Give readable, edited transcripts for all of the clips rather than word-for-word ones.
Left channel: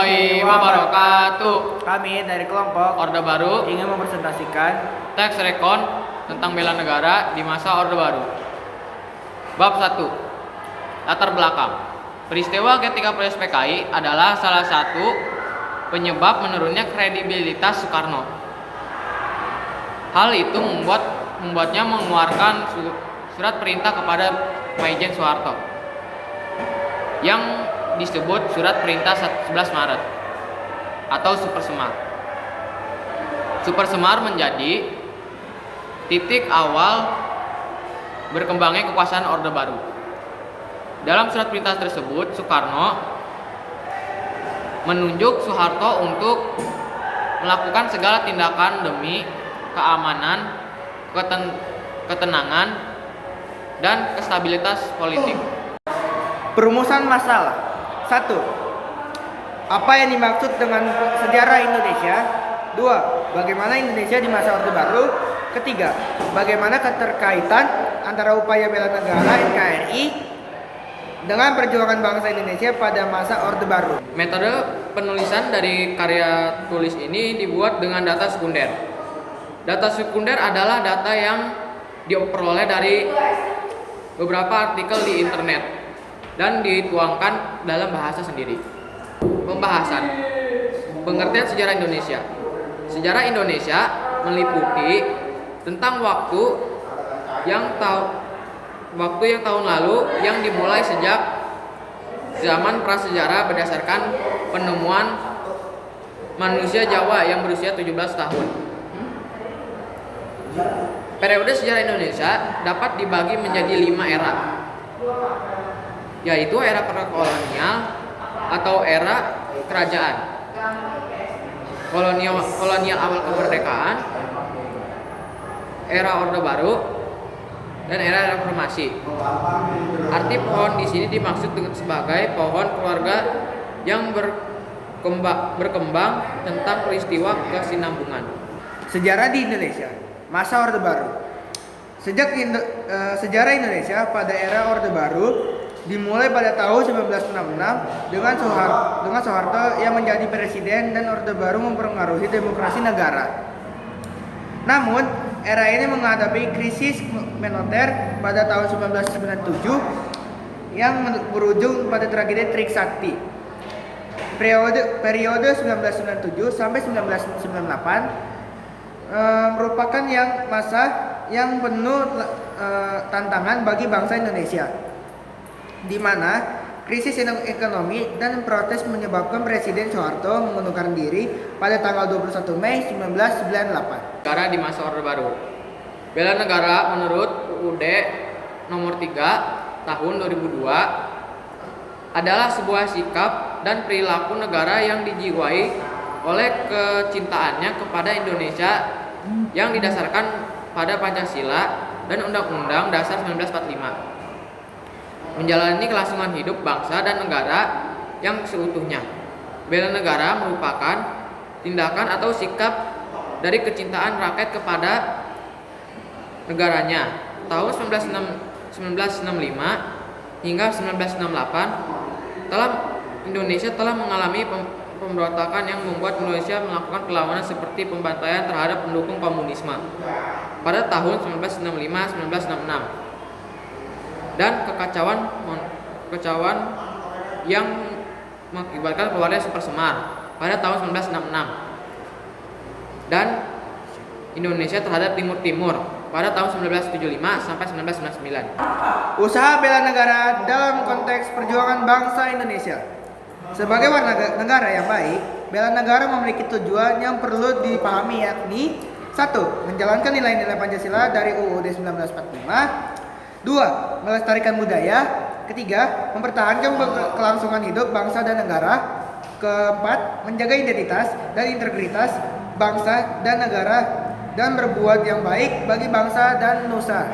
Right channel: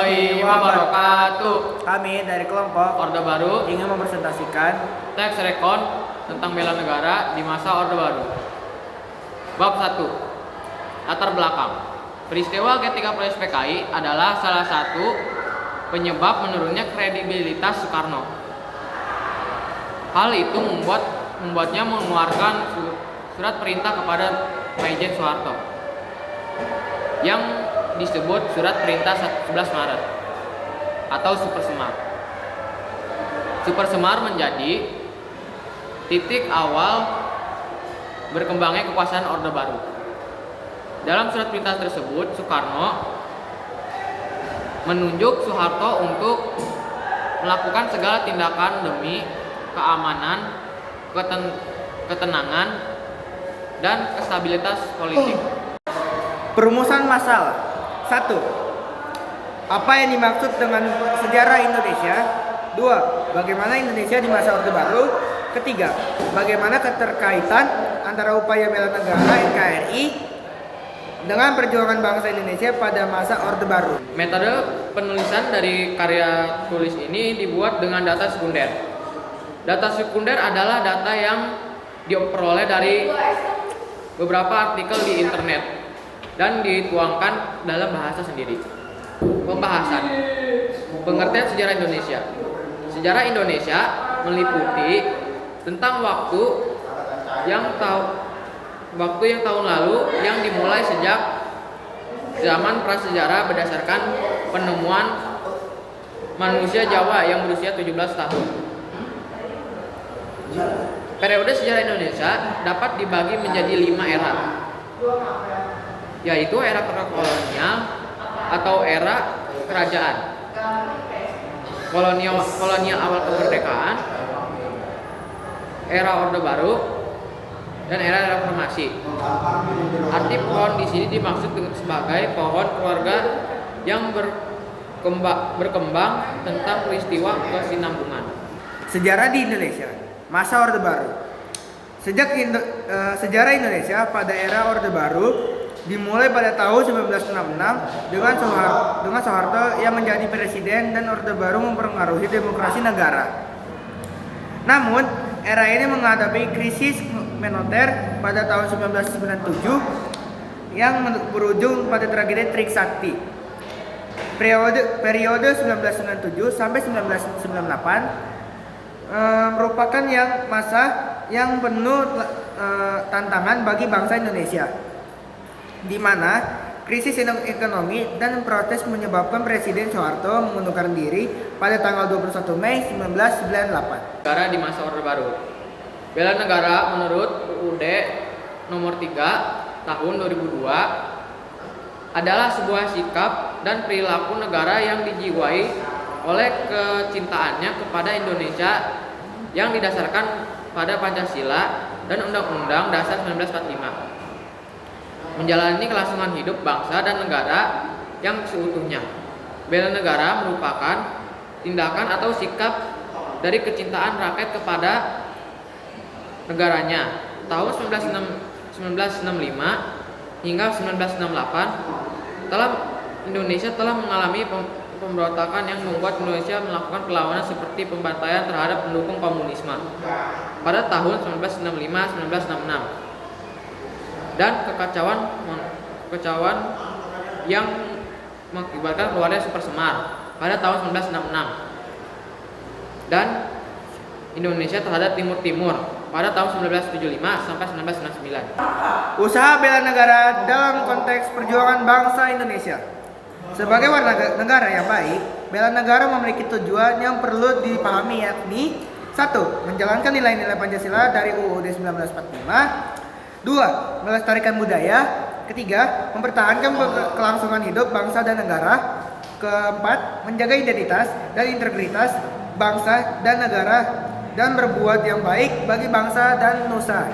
warahmatullahi wabarakatuh. Kami dari kelompok Orde Baru ingin mempresentasikan teks rekon tentang bela negara di masa Orde Baru. Bab 1. Latar belakang. Peristiwa G30 PKI adalah salah satu penyebab menurunnya kredibilitas Soekarno. Hal itu membuatnya mengeluarkan surat perintah kepada Majen Soeharto yang disebut Surat Perintah 11 Maret atau Super Semar. Super Semar menjadi titik awal berkembangnya kekuasaan Orde Baru. Dalam surat perintah tersebut, Soekarno menunjuk Soeharto untuk melakukan segala tindakan demi keamanan, ketenangan, dan stabilitas politik. perumusan masalah. 1. Apa yang dimaksud dengan sejarah Indonesia? 2. Bagaimana Indonesia di masa Orde Baru? Ketiga, bagaimana keterkaitan antara upaya bela negara NKRI dengan perjuangan bangsa Indonesia pada masa Orde Baru? Metode penulisan dari karya tulis ini dibuat dengan data sekunder. Data sekunder adalah data yang diperoleh dari beberapa artikel di internet dan dituangkan dalam bahasa sendiri. Pembahasan pengertian sejarah Indonesia. Sejarah Indonesia meliputi tentang waktu yang tahun lalu yang dimulai sejak zaman prasejarah berdasarkan penemuan manusia Jawa yang berusia 17 tahun. Periode sejarah Indonesia dapat dibagi menjadi 5 era, yaitu era kolonial atau era kerajaan, kolonial awal kemerdekaan, era Orde Baru, dan era reformasi. Arti pohon di sini dimaksud sebagai pohon keluarga yang berkembang tentang peristiwa kesinambungan. Sejarah di Indonesia, masa Orde Baru. Sejak sejarah Indonesia pada era Orde Baru dimulai pada tahun 1966 dengan Soeharto yang menjadi presiden dan Orde Baru mempengaruhi demokrasi negara. Namun, era ini menghadapi krisis moneter pada tahun 1997 yang berujung pada tragedi Trisakti. Periode 1997 sampai 1998 merupakan masa yang penuh tantangan bagi bangsa Indonesia, di mana krisis ekonomi dan protes menyebabkan Presiden Soeharto mengundurkan diri pada tanggal 21 Mei 1998. Negara di masa Orde Baru. Bela negara menurut UUD nomor 3 tahun 2002 adalah sebuah sikap dan perilaku negara yang dijiwai oleh kecintaannya kepada Indonesia yang didasarkan pada Pancasila dan Undang-Undang Dasar 1945. Menjalani kelangsungan hidup bangsa dan negara yang seutuhnya. Bela negara merupakan tindakan atau sikap dari kecintaan rakyat kepada negaranya. Tahun 1965 hingga 1968 Indonesia telah mengalami pemberontakan yang membuat Indonesia melakukan perlawanan seperti pembantaian terhadap pendukung komunisme pada tahun 1965-1966 dan kekacauan yang mengakibatkan keluarnya Super Semar pada tahun 1966 dan Indonesia terhadap Timur pada tahun 1975 sampai 1999. Usaha bela negara dalam konteks perjuangan bangsa Indonesia. Sebagai warga negara yang baik, bela negara memiliki tujuan yang perlu dipahami, yakni 1. Menjalankan nilai-nilai Pancasila dari UUD 1945. 2. Melestarikan budaya. 3. Mempertahankan kelangsungan hidup bangsa dan negara. 4. Menjaga identitas dan integritas bangsa dan negara dan berbuat yang baik bagi bangsa dan nusa.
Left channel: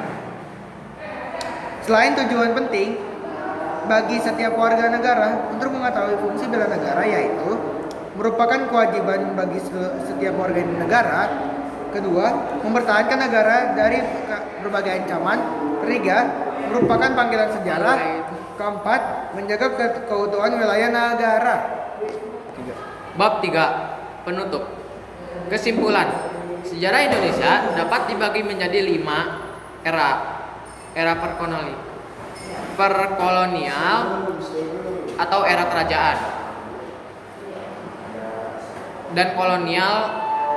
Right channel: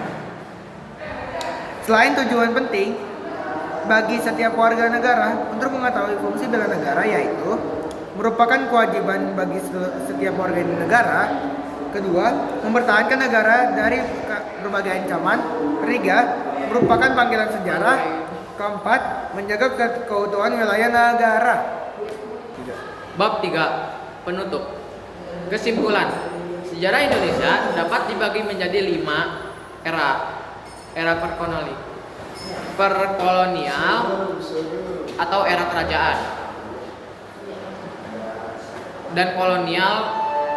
Selain tujuan penting bagi setiap warga negara untuk mengetahui fungsi bela negara, yaitu merupakan kewajiban bagi setiap warga negara. Kedua, mempertahankan negara dari berbagai ancaman. Ketiga, merupakan panggilan sejarah. Keempat, menjaga keutuhan wilayah negara. Bab 3. Penutup. Kesimpulan. Sejarah Indonesia dapat dibagi menjadi 5 era. Era perkolonial atau era kerajaan, dan kolonial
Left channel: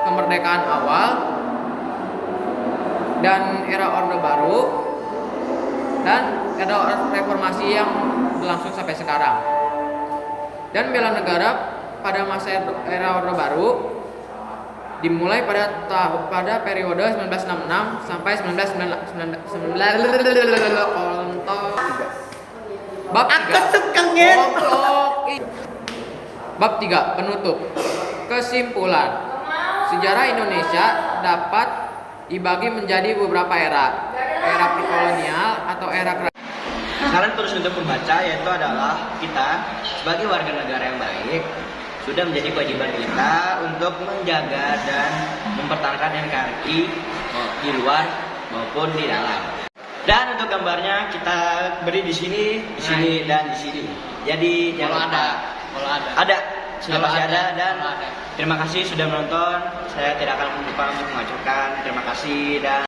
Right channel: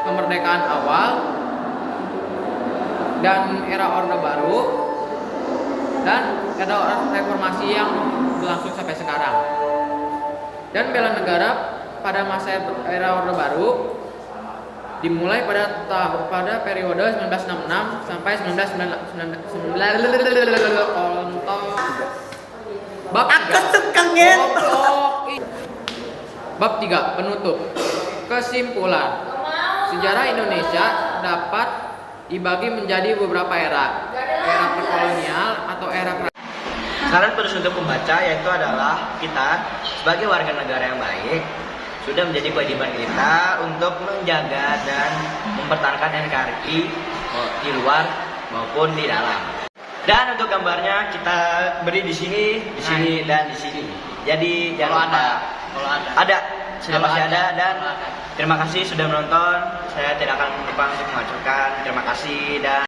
kemerdekaan awal, dan era Orde Baru, dan era reformasi yang berlangsung sampai sekarang. Dan bela negara pada masa era Orde Baru dimulai pada periode 1966 sampai 1999. Bab 3. Bab 3. Penutup. Kesimpulan. Sejarah Indonesia dapat dibagi menjadi beberapa era. Era perkolonial atau era kerajaan. Saran terus untuk pembaca yaitu adalah kita sebagai warga negara yang baik sudah menjadi kewajiban kita untuk menjaga dan mempertahankan NKRI di luar maupun di dalam. Dan untuk gambarnya kita beri di sini, dan di sini. Jadi jangan lupa. Kalau ada, sudah pasti ada. Dan terima kasih sudah menonton. Saya tidak akan lupa untuk mengucapkan terima kasih dan